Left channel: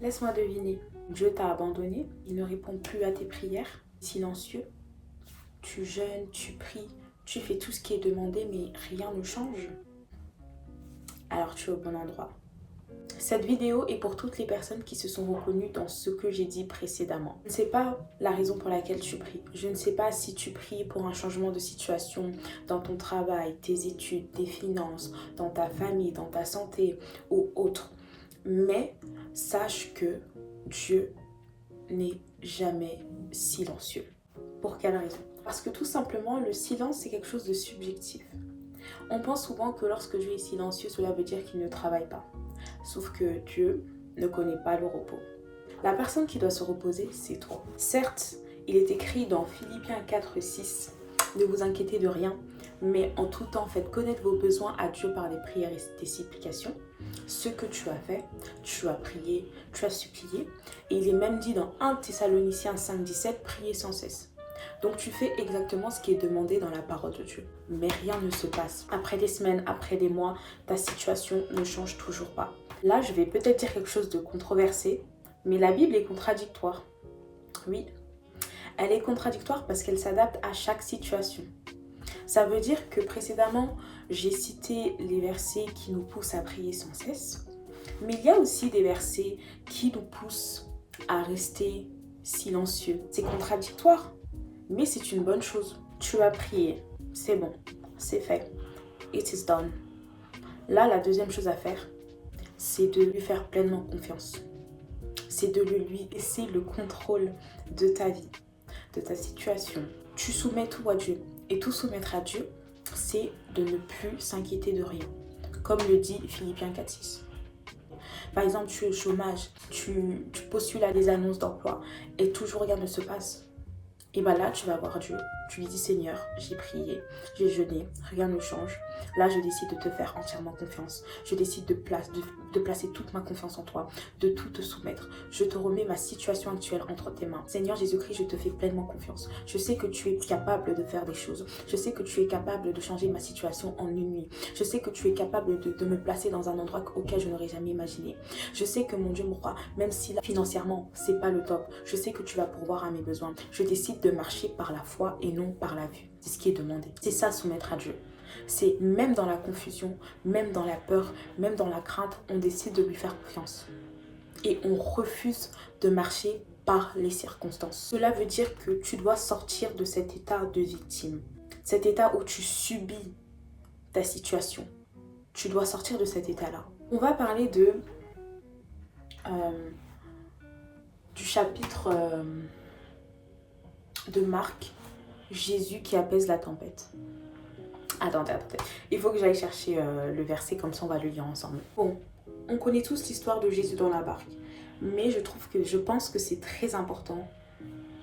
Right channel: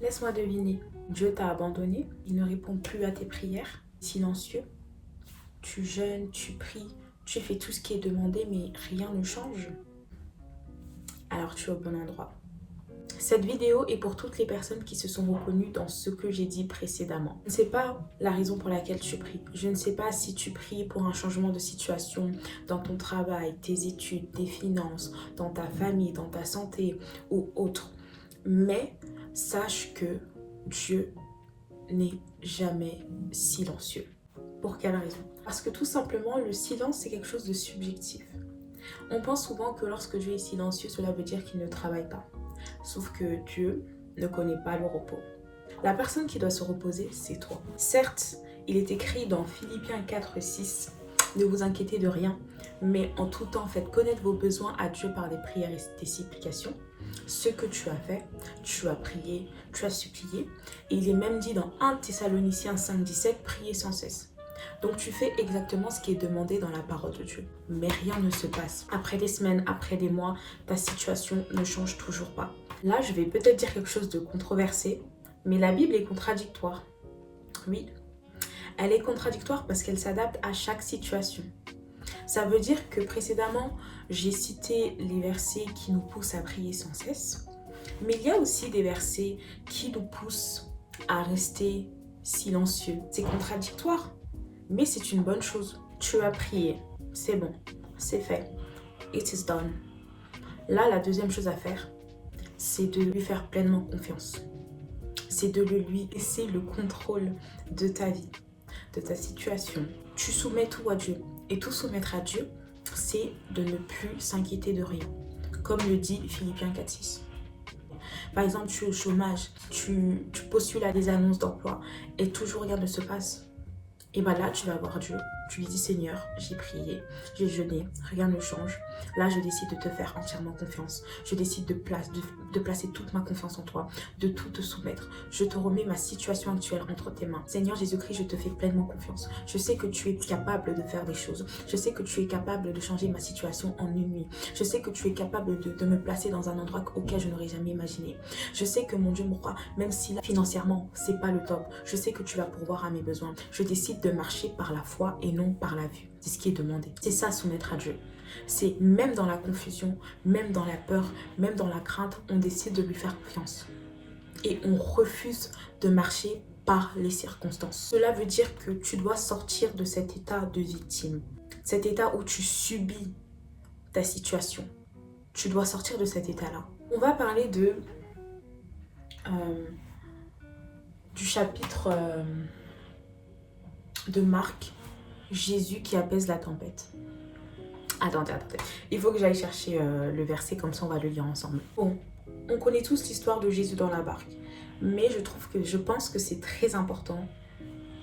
Laisse-moi deviner. Dieu t'a abandonné, il ne répond plus à tes prières, silencieux. Tu jeûnes, tu pries, tu fais tout ce qui est demandé, mais rien ne change. Alors tu es au bon endroit. Cette vidéo est pour toutes les personnes qui se sont reconnues dans ce que j'ai dit précédemment. Je ne sais pas la raison pour laquelle tu pries. Je ne sais pas si tu pries pour un changement de situation dans ton travail, tes études, tes finances, dans ta famille, dans ta santé ou autre. Mais sache que Dieu n'est jamais silencieux. Pour quelle raison? Parce que tout simplement, le silence, c'est quelque chose de subjectif. On pense souvent que lorsque Dieu est silencieux, cela veut dire qu'il ne travaille pas. Sauf que Dieu ne connaît pas le repos. La personne qui doit se reposer, c'est toi. Certes, il est écrit dans Philippiens 4:6, ne vous inquiétez de rien, mais en tout temps, faites connaître vos besoins à Dieu par des prières et des supplications. Ce que tu as fait, tu as prié, tu as supplié. Et il est même dit dans 1 Thessaloniciens 5:17, priez sans cesse. Donc tu fais exactement ce qui est demandé dans la parole de Dieu. Mais rien ne se passe. Après des semaines, après des mois, ta situation ne change toujours pas. Là, je vais peut-être dire quelque chose de controversé, mais la Bible est contradictoire. Oui, elle est contradictoire parce qu'elle s'adapte à chaque situation. Ça veut dire que précédemment, j'ai cité les versets qui nous poussent à prier sans cesse, mais il y a aussi des versets qui nous poussent à rester silencieux. C'est contradictoire, mais c'est une bonne chose. Tu as prié, c'est bon, c'est fait. It is done. Là, la deuxième chose à faire, c'est de lui faire pleinement confiance. C'est de lui laisser le contrôle de ta vie, de ta situation. Tu soumets tout à Dieu. Et tout soumettre à Dieu, c'est de ne plus s'inquiéter de rien. Comme le dit Philippiens 4:6. Par exemple, tu es au chômage, tu postules à des annonces d'emploi et toujours rien ne se passe. Et bien là, tu vas voir Dieu. Tu lui dis, Seigneur, j'ai prié, j'ai jeûné, rien ne change. Là, je décide de te faire entièrement confiance. Je décide de placer toute ma confiance en toi, de tout te soumettre. Je te remets ma situation actuelle entre tes mains. Seigneur Jésus-Christ, je te fais pleinement confiance. Je sais que tu es capable de faire des choses. Je sais que tu es capable de changer ma situation en une nuit. Je sais que tu es capable de me placer dans un endroit auquel je n'aurais jamais imaginé. Je sais que mon Dieu, mon roi, même si là, financièrement, c'est pas le top, je sais que tu vas pourvoir à mes besoins. Je décide de marcher par la foi et non par la vue. C'est ce qui est demandé. C'est ça, soumettre à Dieu. C'est même dans la confusion, même dans la peur, même dans la crainte, on décide de lui faire confiance. Et on refuse de marcher par les circonstances. Cela veut dire que tu dois sortir de cet état de victime. Cet état où tu subis ta situation. Tu dois sortir de cet état-là. On va parler du chapitre de Marc, Jésus qui apaise la tempête. Attendez. Il faut que j'aille chercher le verset, comme ça on va le lire ensemble. Bon, on connaît tous l'histoire de Jésus dans la barque. Mais je pense que c'est très important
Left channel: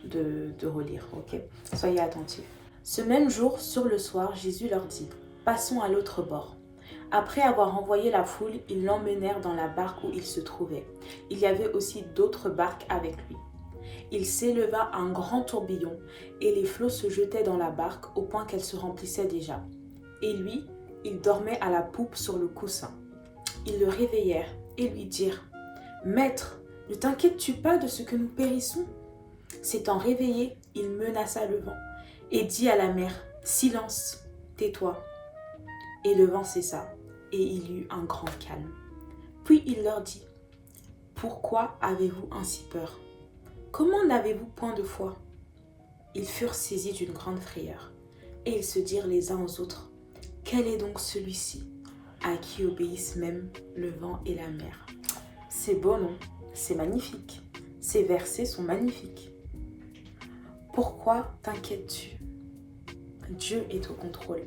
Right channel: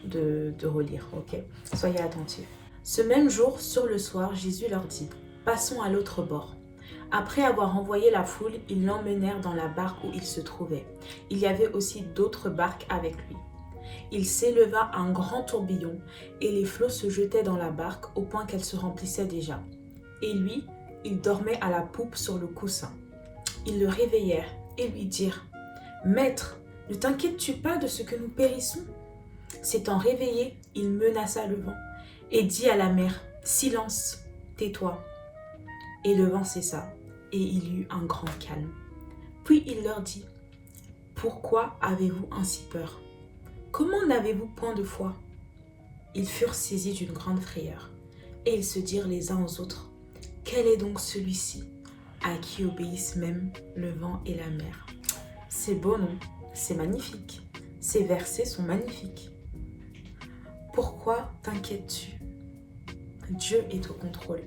de relire, ok? Soyez attentifs. Ce même jour, sur le soir, Jésus leur dit, passons à l'autre bord. Après avoir envoyé la foule, ils l'emmenèrent dans la barque où il se trouvait. Il y avait aussi d'autres barques avec lui. Il s'éleva un grand tourbillon et les flots se jetaient dans la barque au point qu'elle se remplissait déjà. Et lui, il dormait à la poupe sur le coussin. Ils le réveillèrent et lui dirent « Maître, ne t'inquiètes-tu pas de ce que nous périssons ?» S'étant réveillé, il menaça le vent et dit à la mer « Silence, tais-toi !» Et le vent cessa et il y eut un grand calme. Puis il leur dit « Pourquoi avez-vous ainsi peur ? Comment n'avez-vous point de foi ?» Ils furent saisis d'une grande frayeur et ils se dirent les uns aux autres « Quel est donc celui-ci à qui obéissent même le vent et la mer ?» C'est beau, non? C'est magnifique. Ces versets sont magnifiques. Pourquoi t'inquiètes-tu? Dieu est au contrôle.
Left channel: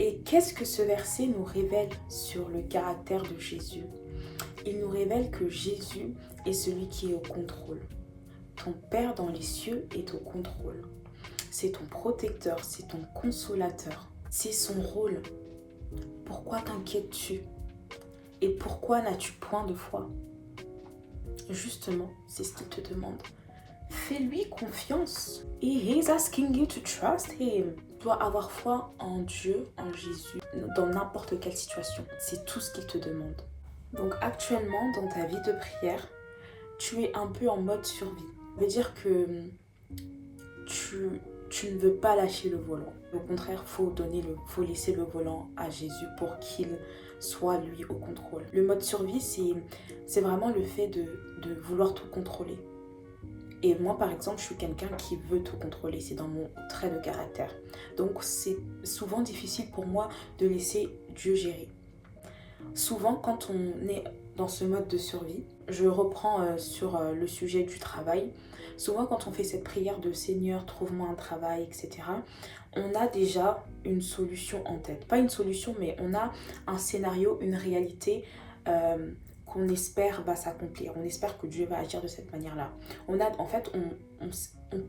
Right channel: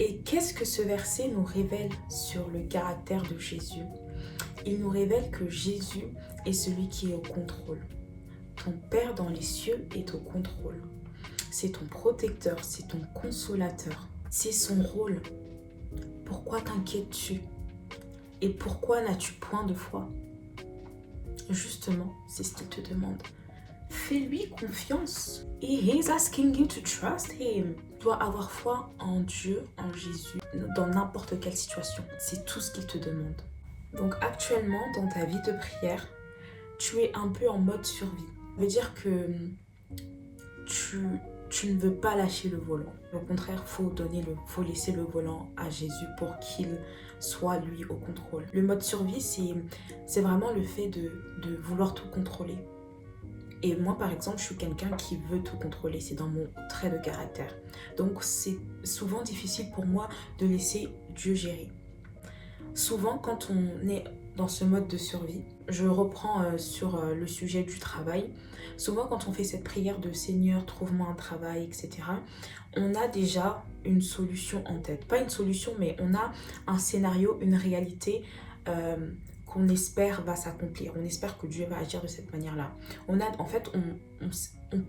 Et qu'est-ce que ce verset nous révèle sur le caractère de Jésus? Il nous révèle que Jésus est celui qui est au contrôle. Ton Père dans les cieux est au contrôle. C'est ton protecteur, c'est ton consolateur. C'est son rôle. Pourquoi t'inquiètes-tu? Et pourquoi n'as-tu point de foi? Justement, c'est ce qu'il te demande. Fais-lui confiance. He is asking you to trust him. Tu dois avoir foi en Dieu, en Jésus, dans n'importe quelle situation. C'est tout ce qu'il te demande. Donc actuellement, dans ta vie de prière, tu es un peu en mode survie. Ça veut dire que tu ne veux pas lâcher le volant. Au contraire, faut laisser le volant à Jésus pour qu'il soit lui au contrôle. Le mode survie, c'est vraiment le fait de vouloir tout contrôler. Et moi, par exemple, je suis quelqu'un qui veut tout contrôler. C'est dans mon trait de caractère. Donc, c'est souvent difficile pour moi de laisser Dieu gérer. Souvent, quand on est dans ce mode de survie, je reprends sur le sujet du travail. Souvent, quand on fait cette prière de Seigneur, trouve-moi un travail, etc., on a déjà une solution en tête. Pas une solution, mais on a un scénario, une réalité qu'on espère va s'accomplir. On espère que Dieu va agir de cette manière-là. On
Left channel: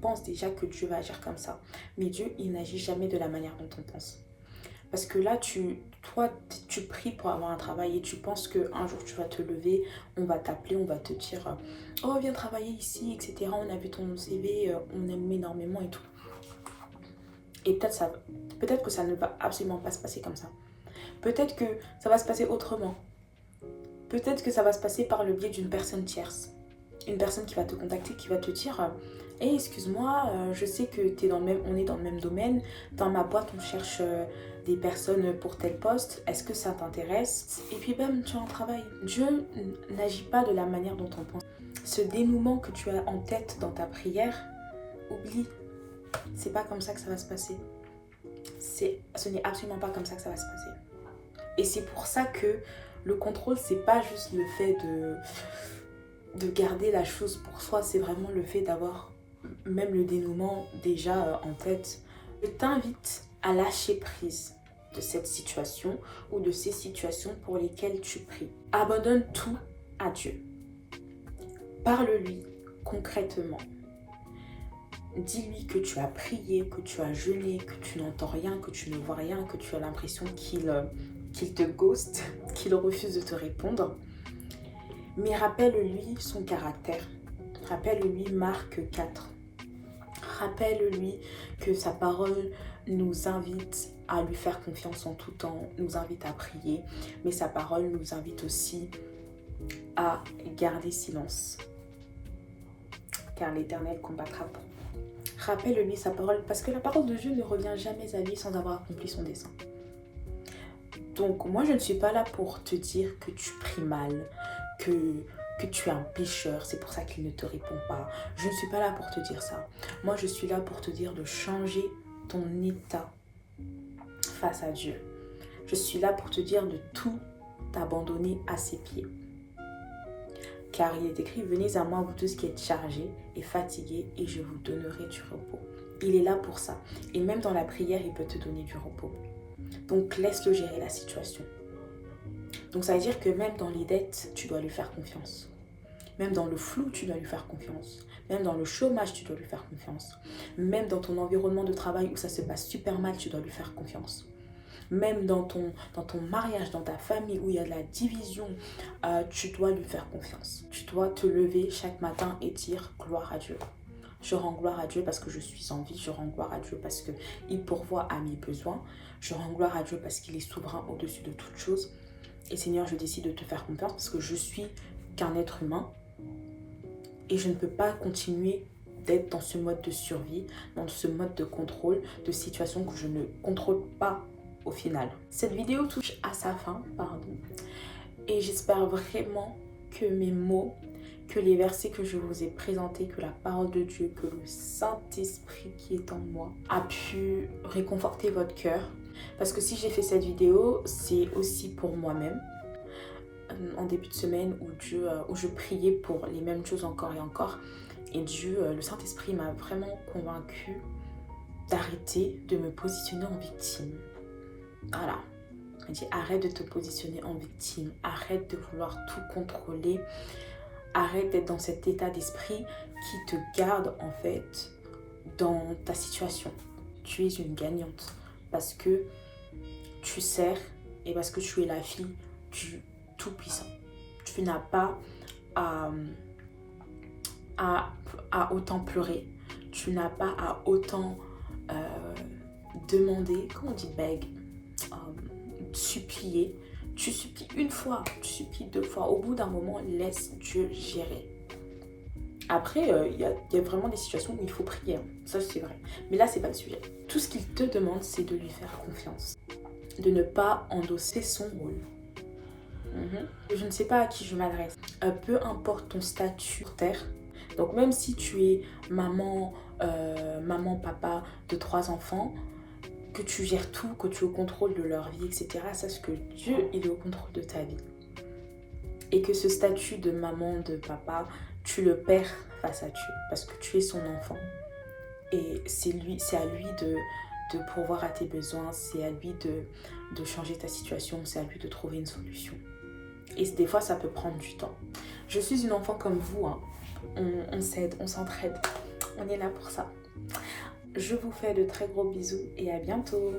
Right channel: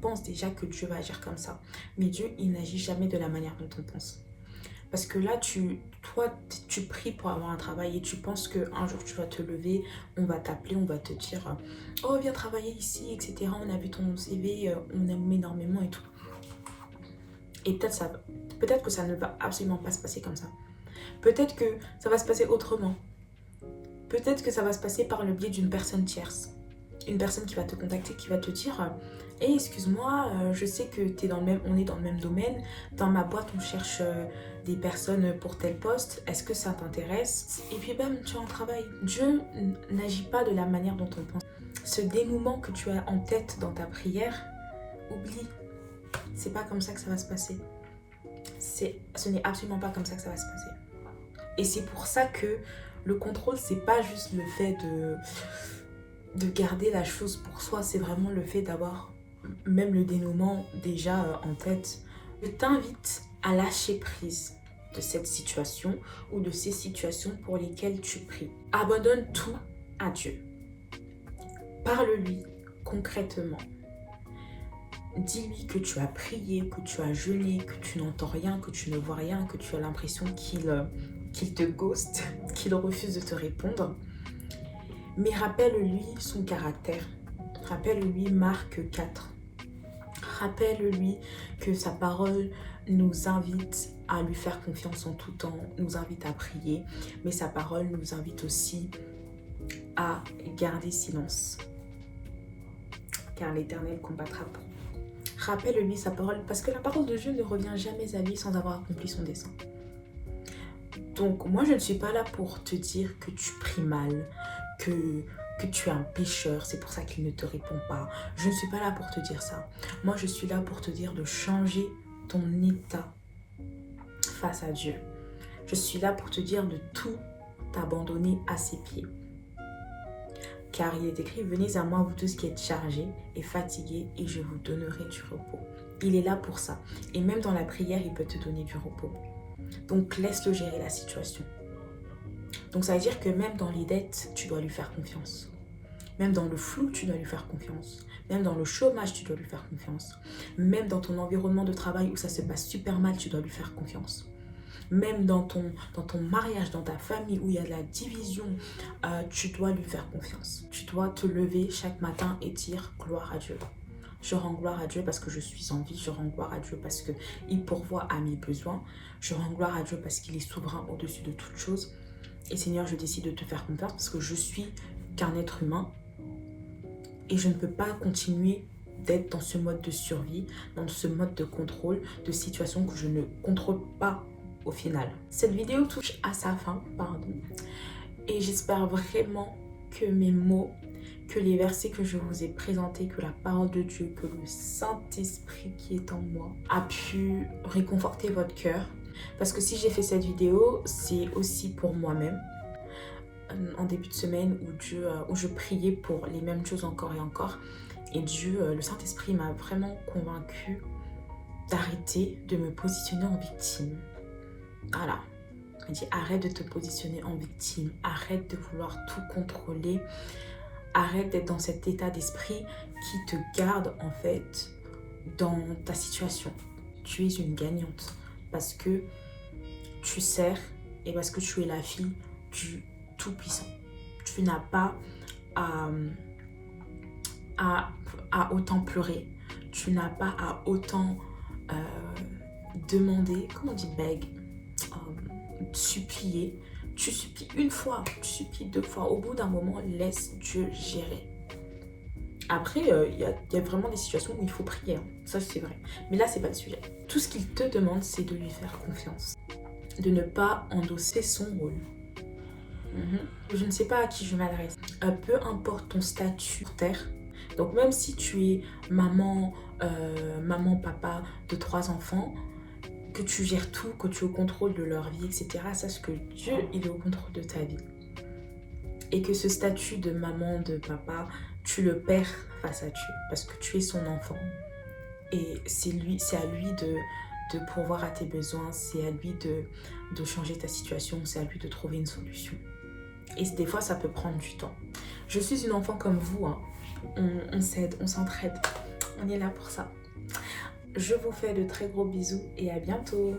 pense déjà que Dieu va agir comme ça. Mais Dieu, il n'agit jamais de la manière dont on pense. Parce que là, toi, tu pries pour avoir un travail et tu penses qu'un jour, tu vas te lever, on va t'appeler, on va te dire « Oh, viens travailler ici, etc. On a vu ton CV, on aime énormément et tout. » Et peut-être que ça ne va absolument pas se passer comme ça. Peut-être que ça va se passer autrement. Peut-être que ça va se passer par le biais d'une personne tierce. Une personne qui va te contacter, qui va te dire « Hey, excuse-moi, je sais que on est dans le même domaine. Dans ma boîte, on cherche des personnes pour tel poste. Est-ce que ça t'intéresse ?» Et puis bam, tu as un travail. Dieu n'agit pas de la manière dont on pense. Ce dénouement que tu as en tête dans ta prière, oublie. C'est pas comme ça que ça va se passer. Ce n'est absolument pas comme ça que ça va se passer. Et c'est pour ça que le contrôle, c'est pas juste le fait de garder la chose pour soi, c'est vraiment le fait d'avoir même le dénouement déjà en tête. Je t'invite à lâcher prise de cette situation ou de ces situations pour lesquelles tu pries. Abandonne tout à Dieu. Parle-lui concrètement. Dis-lui que tu as prié, que tu as jeûné, que tu n'entends rien, que tu ne vois rien, que tu as l'impression qu'il te ghost, qu'il refuse de te répondre. Mais rappelle-lui son caractère. Rappelle-lui Marc 4. Rappelle-lui que sa parole nous invite à lui faire confiance en tout temps, nous invite à prier, mais sa parole nous invite aussi à garder silence, car l'Éternel combattra pour nous. Rappelle-lui sa parole, parce que la parole de Dieu ne revient jamais à lui sans avoir accompli son dessein. Donc moi, je ne suis pas là pour te dire que tu pries mal, que tu es un pécheur, c'est pour ça qu'il ne te répond pas. Je ne suis pas là pour te dire ça. Moi, je suis là pour te dire de changer ton état face à Dieu. Je suis là pour te dire de tout t'abandonner à ses pieds. Car il est écrit, venez à moi vous tous qui êtes chargés et fatigués et je vous donnerai du repos. Il est là pour ça. Et même dans la prière, il peut te donner du repos. Donc laisse-le gérer la situation. Donc ça veut dire que même dans les dettes, tu dois lui faire confiance. Même dans le flou, tu dois lui faire confiance. Même dans le chômage, tu dois lui faire confiance. Même dans ton environnement de travail où ça se passe super mal, tu dois lui faire confiance. Même dans ton mariage, dans ta famille où il y a de la division, tu dois lui faire confiance. Tu dois te lever chaque matin et dire gloire à Dieu. Je rends gloire à Dieu parce que je suis en vie. Je rends gloire à Dieu parce qu'il pourvoit à mes besoins. Je rends gloire à Dieu parce qu'il est souverain au-dessus de toutes choses. Et Seigneur, je décide de te faire confiance parce que je suis qu'un être humain. Et je ne peux pas continuer d'être dans ce mode de survie, dans ce mode de contrôle, de situation que je ne contrôle pas au final. Cette vidéo touche à sa fin, et j'espère vraiment que mes mots, que les versets que je vous ai présentés, que la parole de Dieu, que le Saint-Esprit qui est en moi a pu réconforter votre cœur. Parce que si j'ai fait cette vidéo, c'est aussi pour moi-même. En début de semaine où je priais pour les mêmes choses encore et encore. Et Dieu, le Saint-Esprit m'a vraiment convaincue d'arrêter de me positionner en victime. Voilà. Il dit arrête de te positionner en victime. Arrête de vouloir tout contrôler. Arrête d'être dans cet état d'esprit qui te garde en fait dans ta situation. Tu es une gagnante parce que tu sers et parce que tu es la fille du Tout-Puissant. Tu n'as pas à autant pleurer. Tu n'as pas à autant demander, comment on dit beg, supplier. Tu supplies une fois, tu supplies deux fois. Au bout d'un moment, laisse Dieu gérer. Après, il y a vraiment des situations où il faut prier, hein. Ça c'est vrai. Mais là, c'est pas le sujet. Tout ce qu'il te demande, c'est de lui faire confiance. De ne pas endosser son rôle. Je ne sais pas à qui je m'adresse. Peu importe ton statut sur terre. Donc même si tu es maman, papa de 3 enfants, que tu gères tout, que tu es au contrôle de leur vie, etc. Sache que Dieu, il est au contrôle de ta vie. Et que ce statut de maman, de papa, tu le perds face à Dieu. Parce que tu es son enfant. Et c'est à lui de pourvoir à tes besoins. C'est à lui de changer ta situation. C'est à lui de trouver une solution. Et des fois, ça peut prendre du temps. Je suis une enfant comme vous, hein. On s'aide, on s'entraide. On est là pour ça. Je vous fais de très gros bisous et à bientôt.